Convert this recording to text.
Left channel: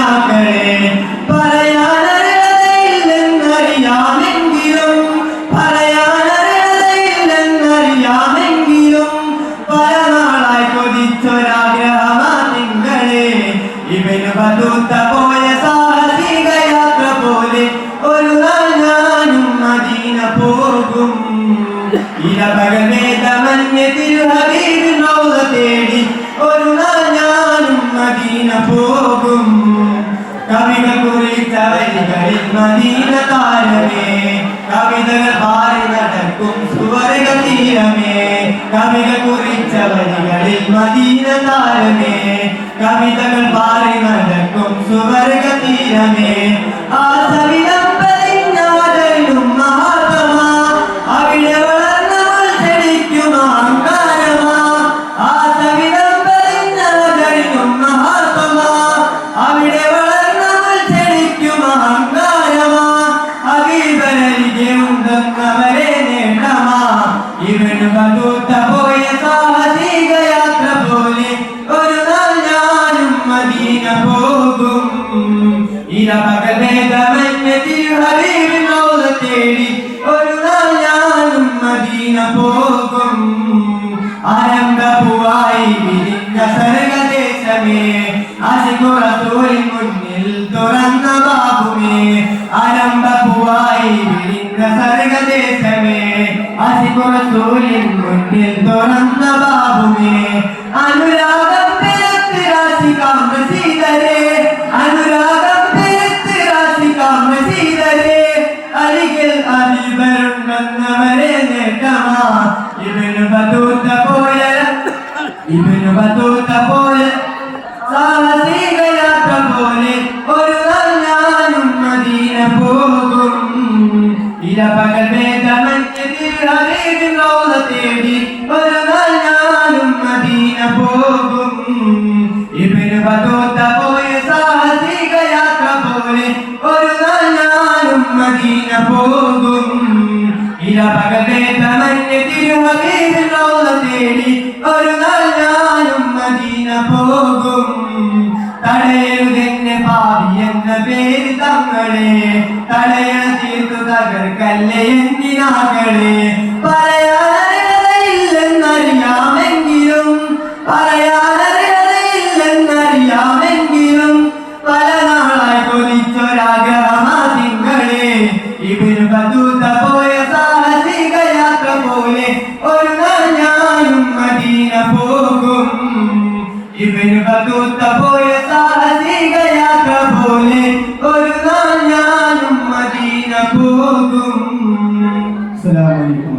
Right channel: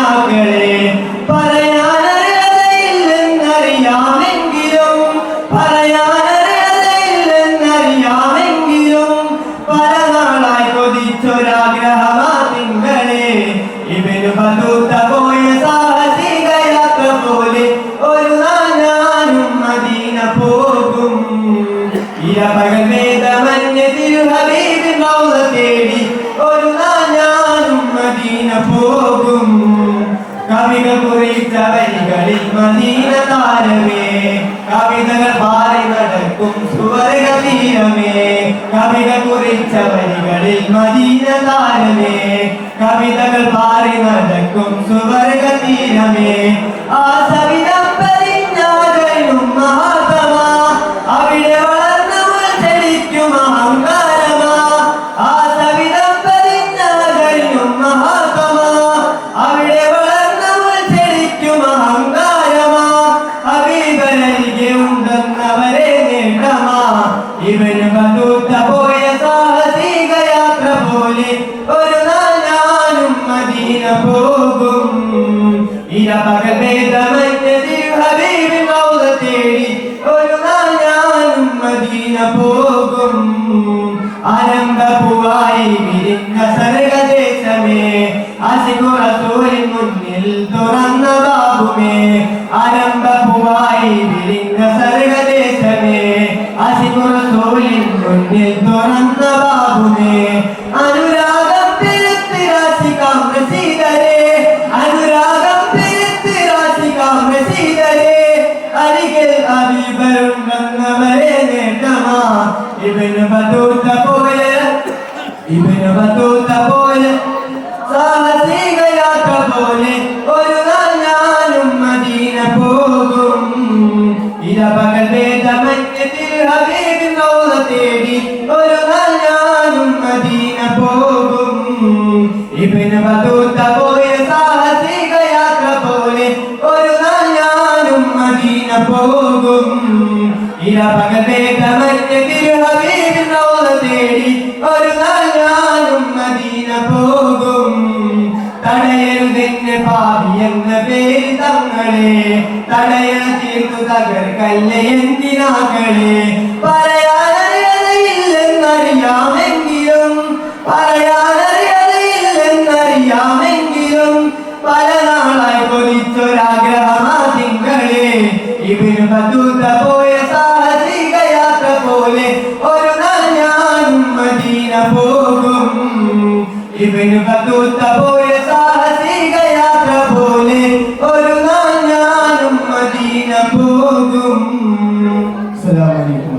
കിനാക്കളെ പറയാനറിയാമെങ്കിലും പല നാളായി കൊതിച്ചൊരാഗ്രഹമാ തിങ്കളെ ഇവന് പതുത്ത പോയ സാഹസിക യാത്ര പോലെ ഒരു നാൾ ഞാനും മദീന പോകും ഇരപകലേതമഞ്ഞ തിരുഹബീബിൻ റൗള തേടി ഒരു നാൾ ഞാനും മദീന പോകും കവികൾ കുറിച്ച വരികളിൽ മദീന താരമേ കവിതകൾ പാറി നടക്കും സുവർഗ തീരമേ കവികൾ കുറിച്ച വരികളിൽ മദീന താരമേ കവിതകൾ പാറി നടക്കും സുവർഗ തീരമേ ആ സവിധം പതിഞ്ഞാതയും മഹാത്മാ അവിടെ വളർന്നവൾ ക്ഷണിക്കും അഹങ്കാരമാ ആ സവിധം പതിഞ്ഞാതയും മഹാത്മാ അവിടെ വളർന്നവൾ ക്ഷണിക്കും അഹങ്കാരമാ ഹബീബരികെ ഉണ്ടെന്നവരെ നേട്ടമാ ഇവന് പതൂത്ത പോയ സാഹസിക യാത്ര പോലെ ഒരു നാൾ ഞാനും മദീന പോകും ഇരപകൽ ഭേദമഞ്ഞ തിരുഹബീബിൻ റൗള തേടി ഒരു നാൾ ഞാനും മദീന പോകും ആരംഭപ്പൂവായി വിരിഞ്ഞ സർഗദേശമേ ആശിഖു റസൂലിൻ മുന്നിൽ തുറന്ന ബാബുമേ ആരംഭപ്പൂവായി വിരിഞ്ഞ സർഗദേശമേ ആശിഖു റസൂലിൻ മുന്നിൽ തുറന്ന ബാബുമേ അനുരാഗം പെരുത്ത് രാശികാം നസീദരേ അനുരാഗം പെരുത്ത് രാശികാം നസീദരേ അരികിൽ ഹബീബരുണ്ടെന്നവരെ നേട്ടമാ ഇവന് പതൂത്ത പോയ സാഹസിക യാത്ര പോലെ ഒരു നാൾ ഞാനും മദീന പോകും ഇരപകൽ ഭേദമഞ്ഞ തിരുഹബീബിൻ റൗള തേടി ഒരു നാൾ ഞാനും മദീന പോകും ഇവന് പതൂത്ത പോയ സാഹസിക യാത്ര പോലെ ഒരു നാൾ ഞാനും മദീന പോകും ഇരപകൽ ഭേദമഞ്ഞ തിരുഹബീബിൻ റൗള തേടി ഒരു നാൾ ഞാനും മദീന പോകും തടയരുതെന്നെ പാപി എന്ന പേര് തങ്ങളെ തടയ തീർത്തു തകർക്കല്ലേ എന്തിനാകളെ പറയാനറിയില്ലെന്നറിയാമെങ്കിലും പല നാളായി കൊതിച്ചൊരാഗ്രഹമാ തിങ്കളെ ഇവന് പതൂത്ത പോയ സാഹസിക യാത്ര പോലെ ഒരു നാൾ ഞാനും മദീന പോകും ഇവന് പതൂത്ത പോയ സാഹസിക യാത്ര പോലെ ഒരു നാൾ ഞാനും മദീന പോകും. അസ്സലാമു അലൈക്കും.